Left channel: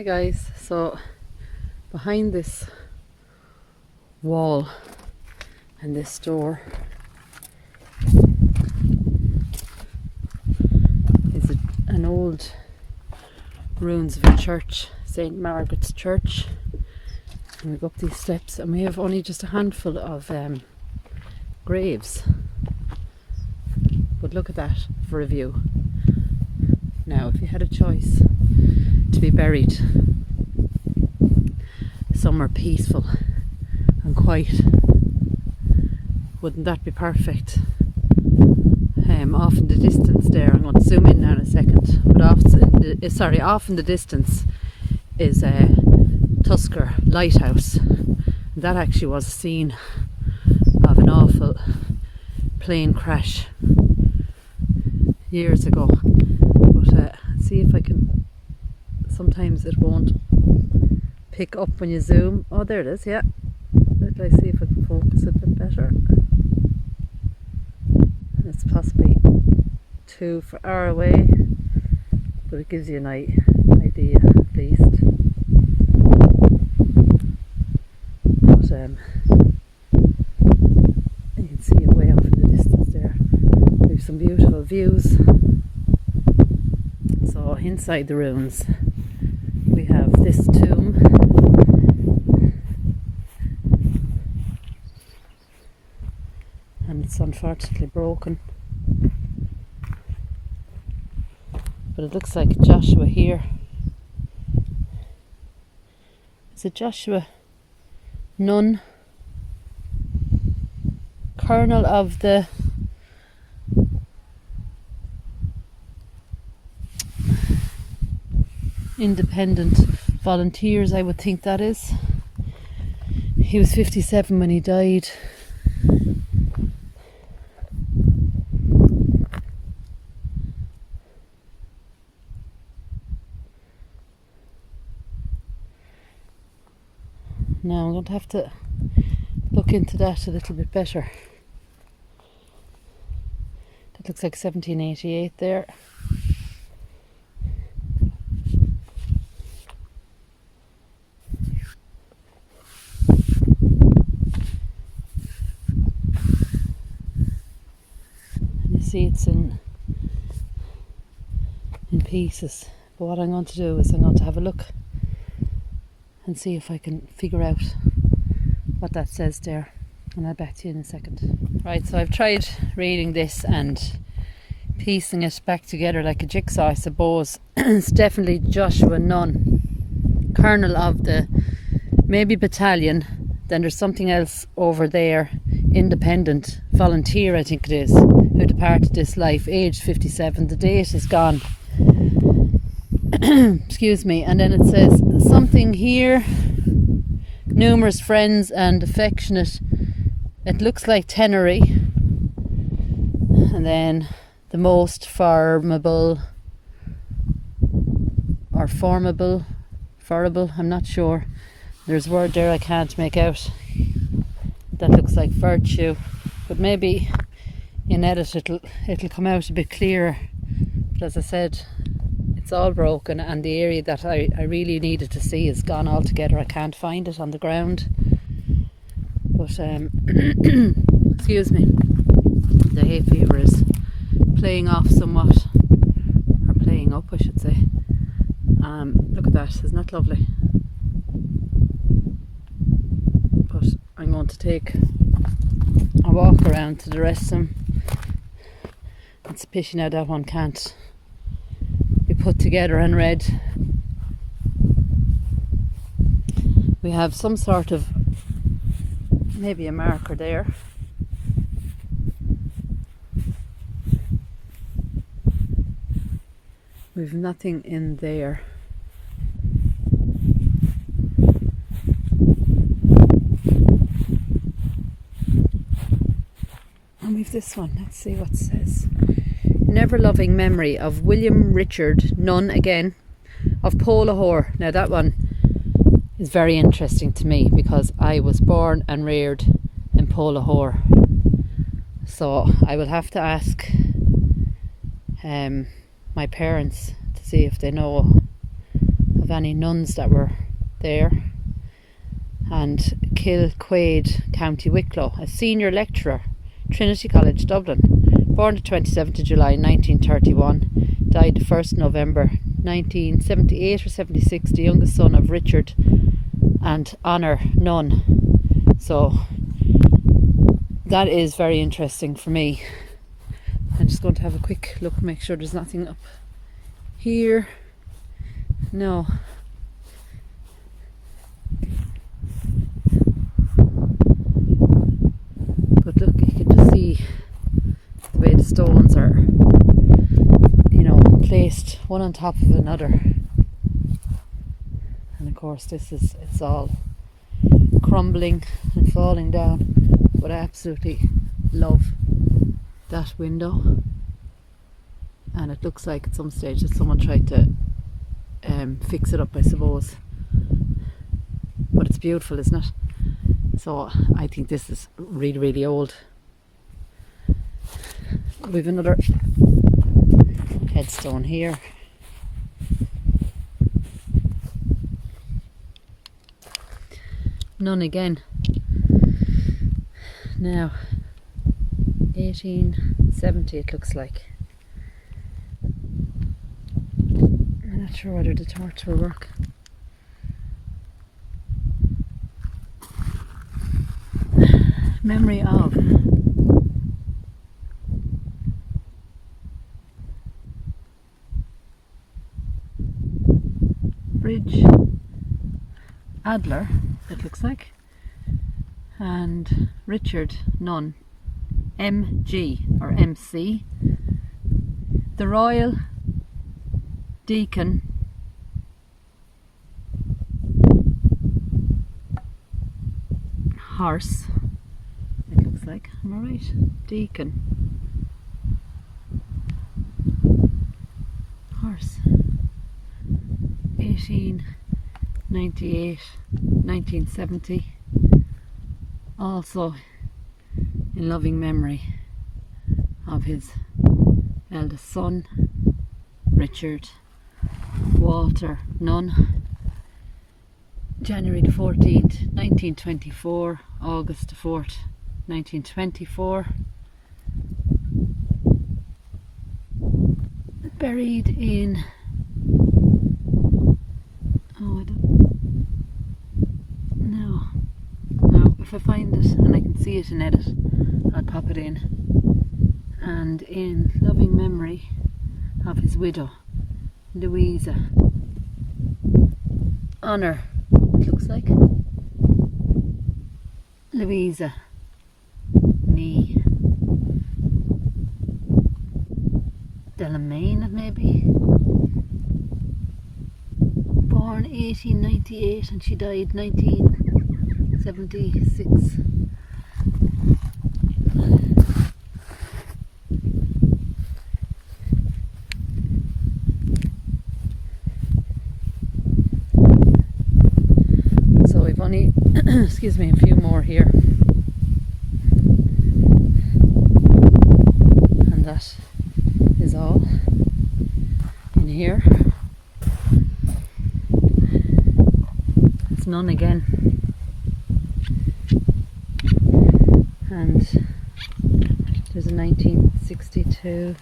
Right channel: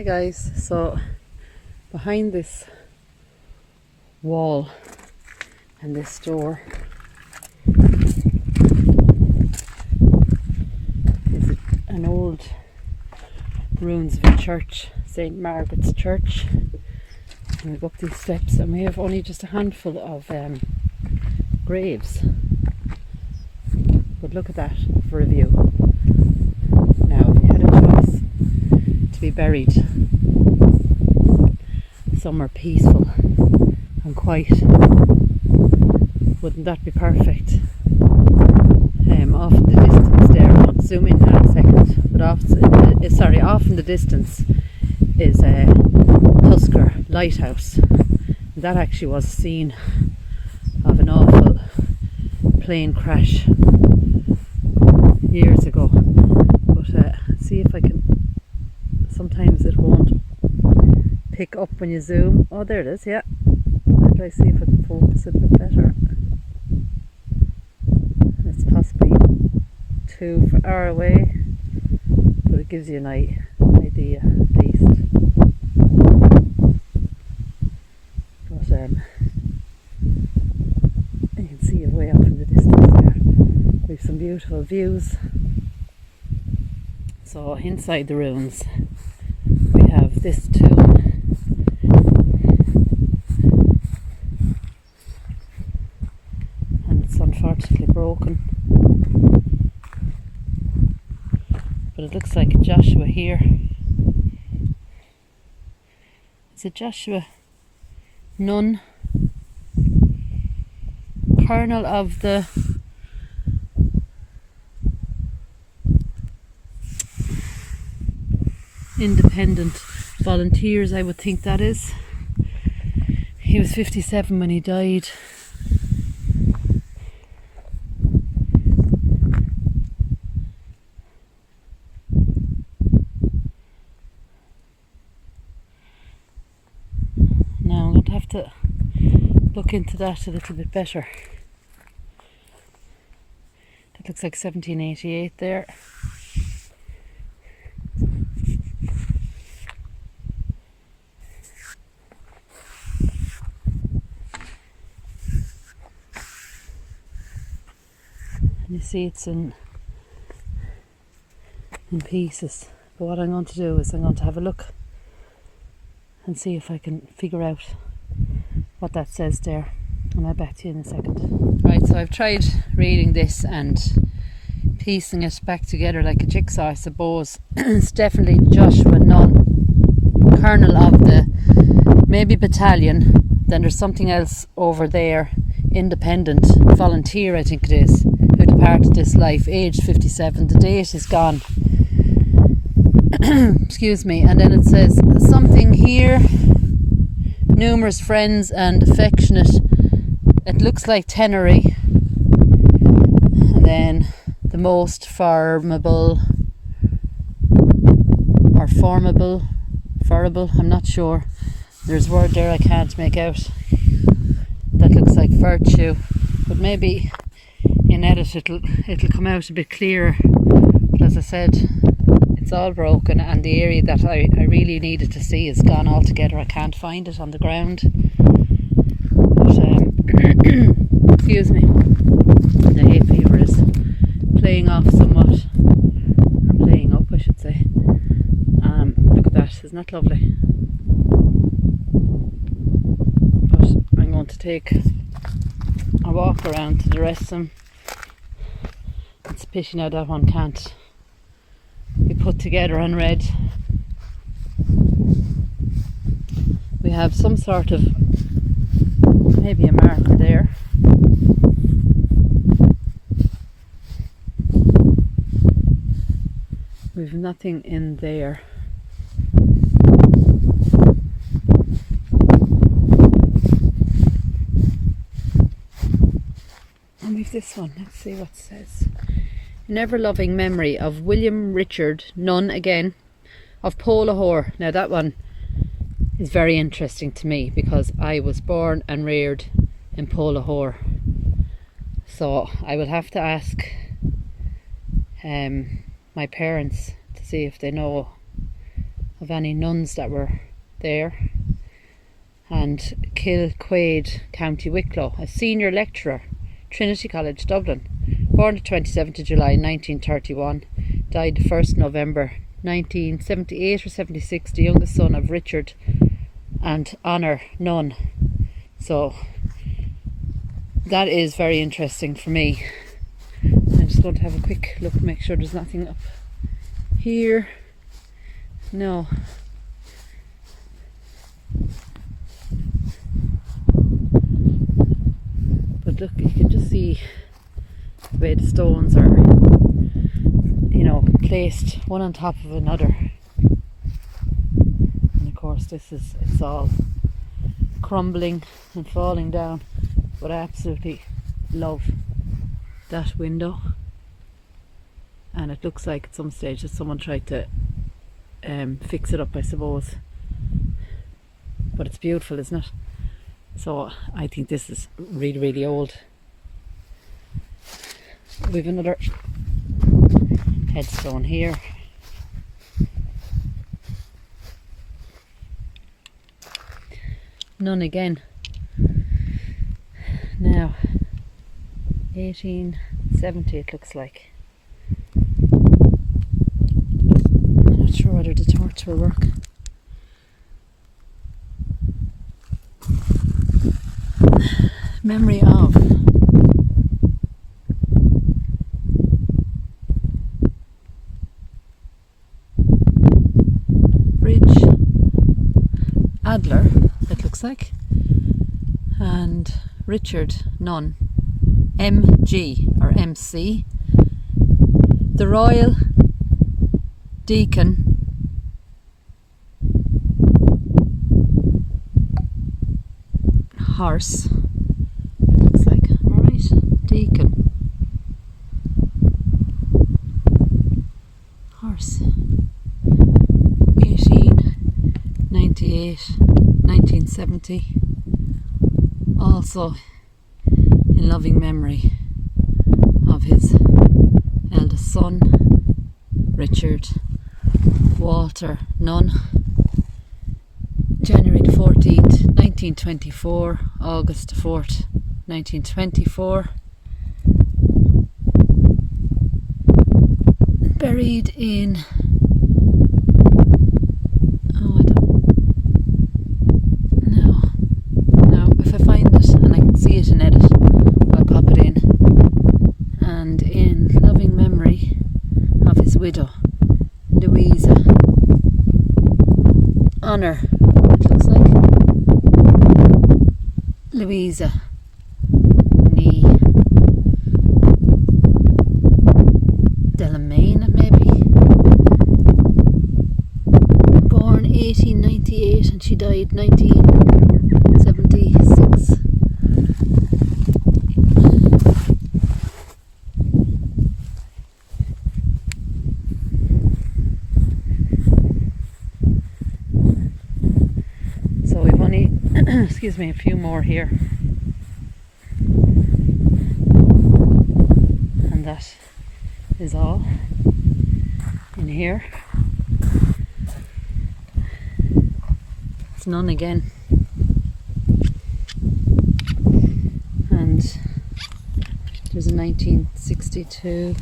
Hi guys, so behind this wall and this door is an old ruins of a church, St. Margaret's Church, and we go up these steps and we have only just a handful of graves, but look at that for a view. Now if you had a choice to be buried somewhere peaceful and quiet, wouldn't that be perfect? Off in the distance there, I want to zoom in now in a second, but off in the distance is Tusker Lighthouse. That actually was a scene of an awful plane crash years ago, but see if I can. Sometimes it won't pick up when you zoom. Oh, there it is, yeah. Let's see if I can focus it a bit better. It's possibly too far away, but it gives you an idea at least. But you can see it way off in the distance there. We have some beautiful views. So inside the ruins we have this tomb, and it's unfortunately broken, but it looks like Joshua here. Is it Joshua? Nun, colonel of the Independent Volunteers, I would think that is. He was 57 when he died. Now I'm going to have to look into that a little bit better. That looks like 1788 there. See, it's in pieces, but what I'm going to do is I'm going to have a look and see if I can figure out what that says there, and I'll back to you in a second. Right, so I've tried reading this and piecing it back together like a jigsaw, I suppose. It's definitely Joshua Nun, colonel of the maybe battalion. Then there's something else over there, Independent Volunteer, I think it is, who departed this life, aged 57. The date is gone. Excuse me. And then it says something here, numerous friends and affectionate, it looks like Tenery, and then the most formidable, I'm not sure, there's a word there I can't make out. That looks like virtue, but maybe in edit it'll come out a bit clearer. But as I said, it's all broken, and the area that I really needed to see is gone altogether. I can't find it on the ground. But excuse me, the hay fever is playing off somewhat, or playing up I should say. Look at that, isn't that lovely? But I'm going to take a walk around to the rest of them. It's a pity now that one can't be put together and read. We have some sort of, maybe a marker there. We've nothing in there. And we've this one, let's see what it says. In ever loving memory of William Richard Nunn, again, of Polahore. Now that one is very interesting to me because I was born and reared in Polahore. So I will have to ask my parents to see if they know of of any nuns that were there. And Kilquaid, County Wicklow, a senior lecturer, Trinity College, Dublin, born the 27th of July 1931, died the 1st November 1978 or 76, the youngest son of Richard and Honor Nunn. So that is very interesting for me. I'm just going to have a quick look, make sure there's nothing up here. No. But look, you can just see the way the stones are, you know, placed one on top of another. And of course it's all crumbling and falling down. But I absolutely love that window. And it looks like at some stage that someone tried to fix it up, I suppose. But it's beautiful, isn't it? So I think this is really, really old. We've another headstone here. None again. Now, 1870 it looks like. I'm not sure whether the torch will work. Memory of Bridge Adler, it looks like, and Richard Nunn, MG or MC, the Royal Deacon Horse, looks like, am I right? Deacon Horse, 1898, 1970, also in loving memory of his eldest son, Richard Walter Nunn. January the 14th, 1924, August the 4th, 1924. Buried in, oh, I don't know. No, if I find it and I can see it in edit, I'll pop it in. And in loving memory of his widow, Louisa Honor, it looks like. Louisa Nee Delamain, maybe. Born 1898 and she died 1976. So we've only, excuse me, a few more here. And that is all in here. It's none again. And there's a 1962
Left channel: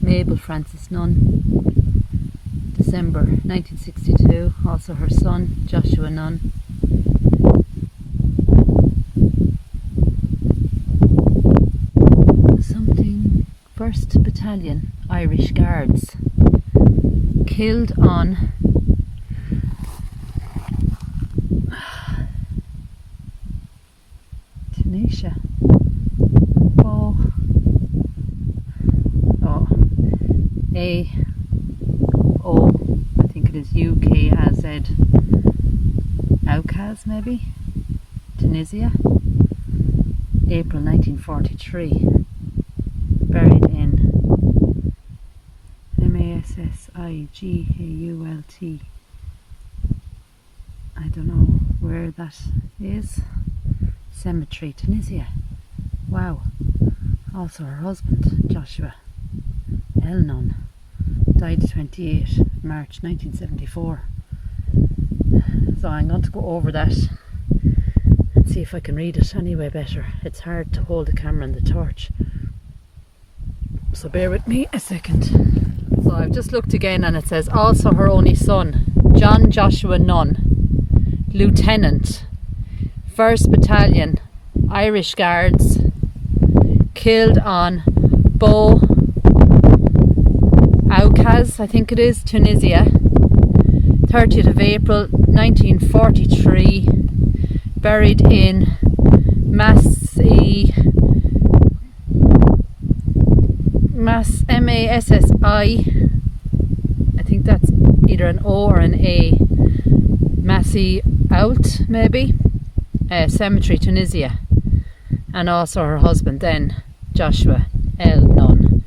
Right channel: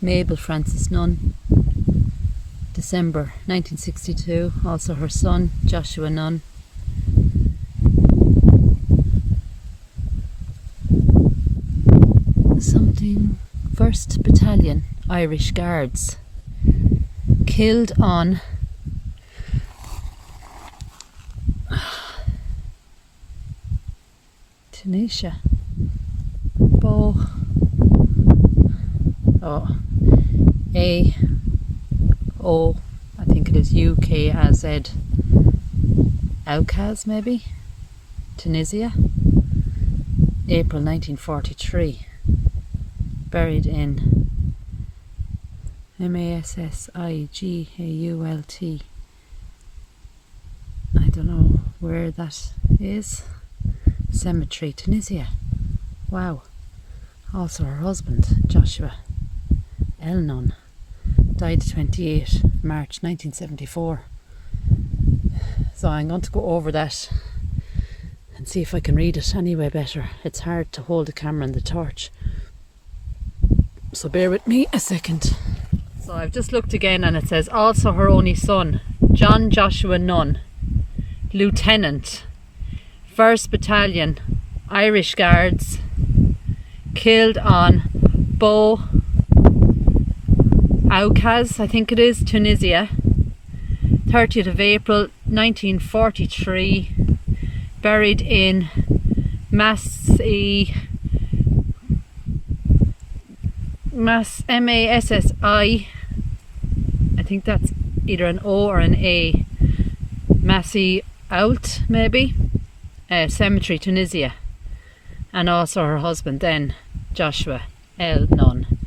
Mabel Francis Nunn, December 1962, also her son Joshua Nunn. Something 1st Battalion Irish Guards, killed on Tunisia. Oh, A-O, I think it is UKAZ, Aukaz maybe, Tunisia, April 1943, buried in Massigault. I don't know where that is. Cemetery, Tunisia. Wow. Also her husband, Joshua Nunn, died 28 March 1974. So I'm going to go over that and see if I can read it anyway better. It's hard to hold the camera and the torch, so bear with me a second. So I've just looked again, and it says also her only son, John Joshua Nunn, Lieutenant, 1st Battalion, Irish Guards, killed on Bo Aukaz, I think it is, Tunisia, 30th of April 1943, buried in Massi, M-A-S-S-I, I think that's either an O or an A, Massi Out maybe, Cemetery, Tunisia. And also her husband then, Joshua L. Nunn,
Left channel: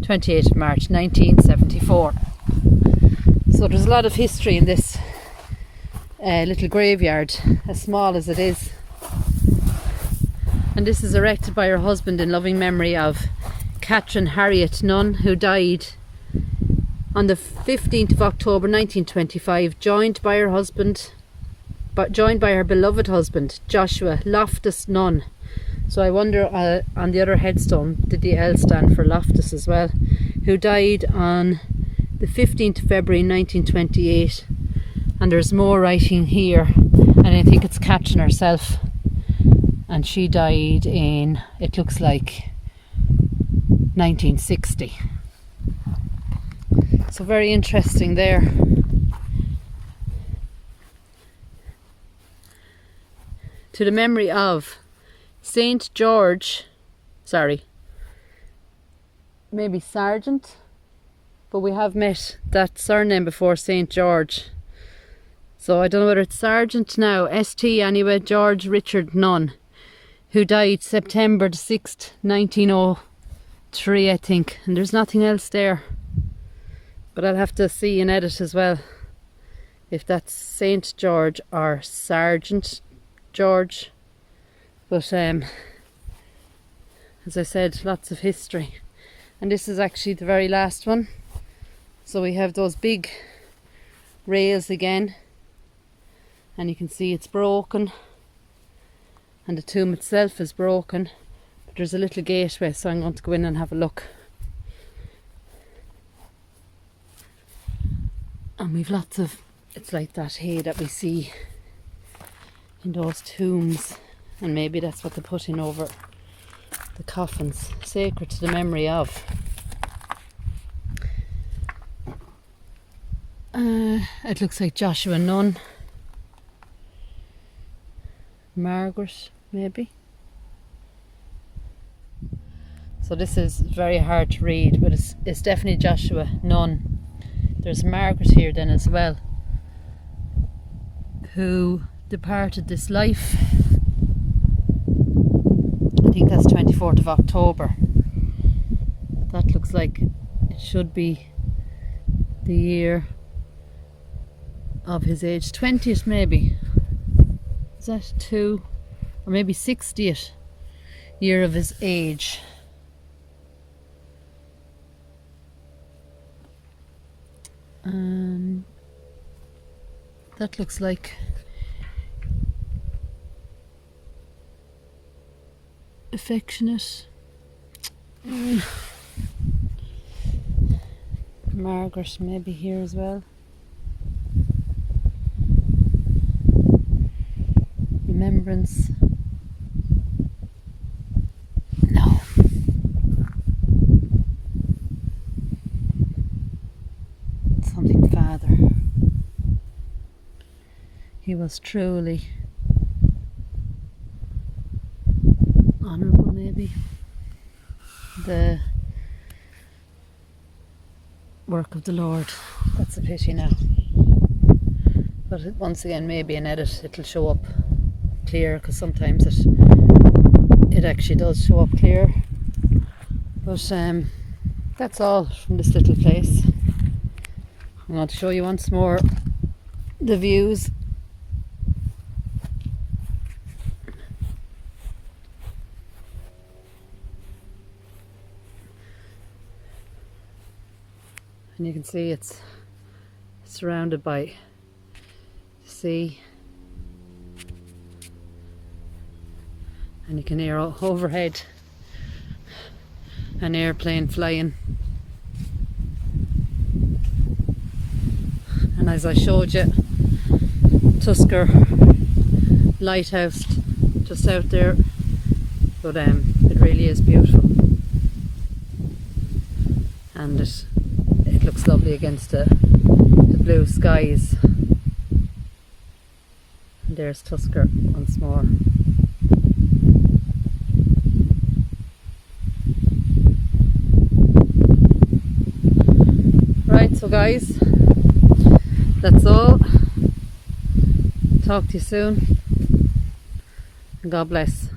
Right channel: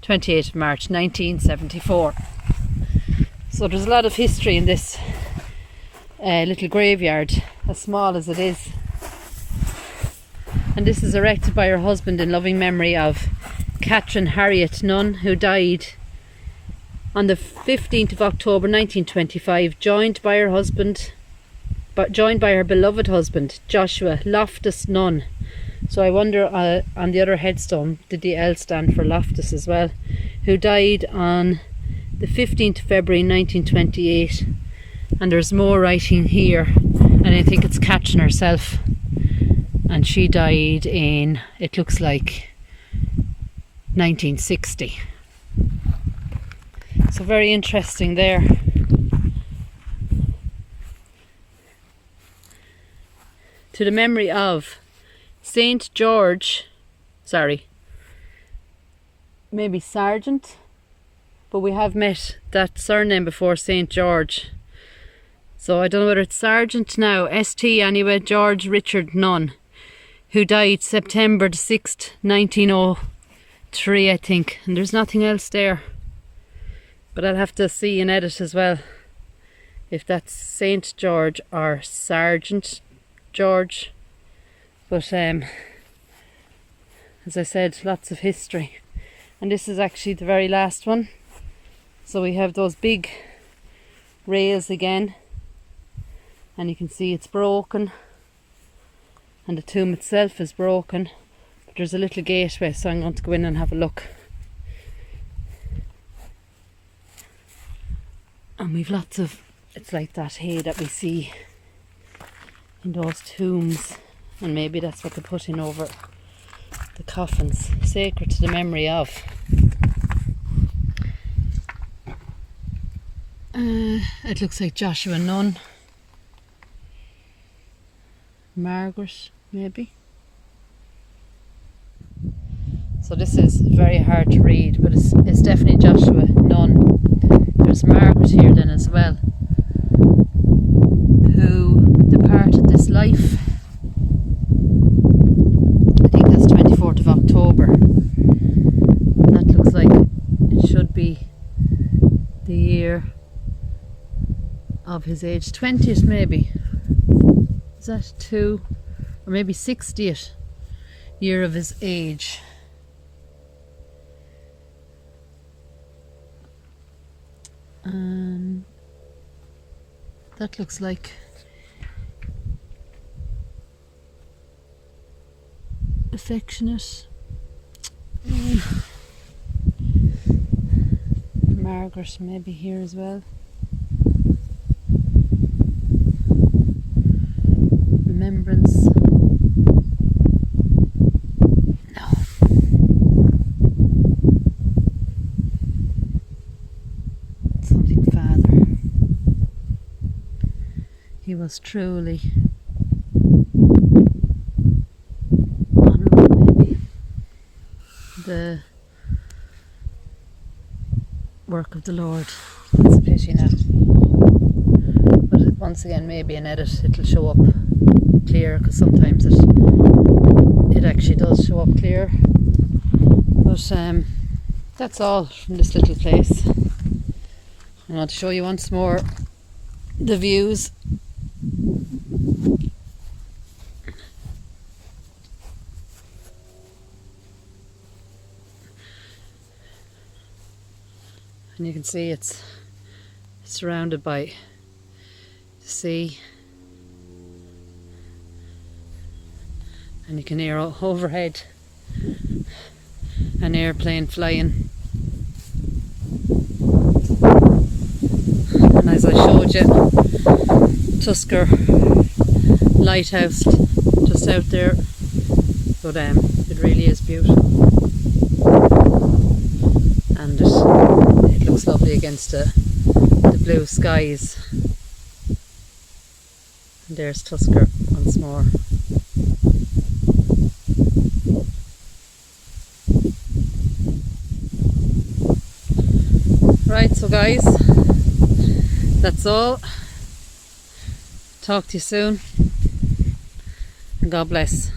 28th of March 1974. So there's a lot of history in this little graveyard, as small as it is. And this is erected by her husband in loving memory of Catherine Harriet Nunn, who died on the 15th of October 1925, joined by her beloved husband, Joshua Loftus Nunn. So I wonder on the other headstone, did the L stand for Loftus as well, who died on the 15th of February 1928. And there's more writing here, and I think it's Catherine herself, and she died in, it looks like, 1960. So very interesting there. To the memory of St. George, maybe Sergeant, but we have met that surname before, St. George. So I don't know whether it's Sergeant now, ST anyway, George Richard Nunn, who died September the 6th, 1903, I think. And there's nothing else there. But I'll have to see and edit as well if that's St. George or Sergeant George. But as I said, lots of history. And this is actually the very last one. So we have those big rails again. And you can see it's broken. And the tomb itself is broken. But there's a little gateway, so I'm going to go in and have a look. And we've lots of, it's like that hay that we see in those tombs. And maybe that's what they put in over the coffins, sacred to the memory of. It looks like Joshua Nunn. Margaret, maybe. So this is very hard to read, but it's definitely Joshua Nunn. There's Margaret here then as well, who departed this life. I think that's 24th of October. That looks like it should be the year of his age, 20th maybe. Is that 2 or maybe 60th year of his age? That looks like affectionate. Margaret maybe here as well. Remembrance. No. Something father. He was truly honourable, maybe. The work of the Lord. It's a pity now. But once again, maybe in edit it'll show up clear, because sometimes it actually does show up clear. But that's all from this little place. I want to show you once more the views. and you can see it's surrounded by the sea, and you can hear overhead an airplane flying. And as I showed you, Tusker lighthouse just out there, but it really is beautiful, and it looks lovely against the blue skies. And there's Tusker once more. Right, so guys, that's all. Talk to you soon, and God bless.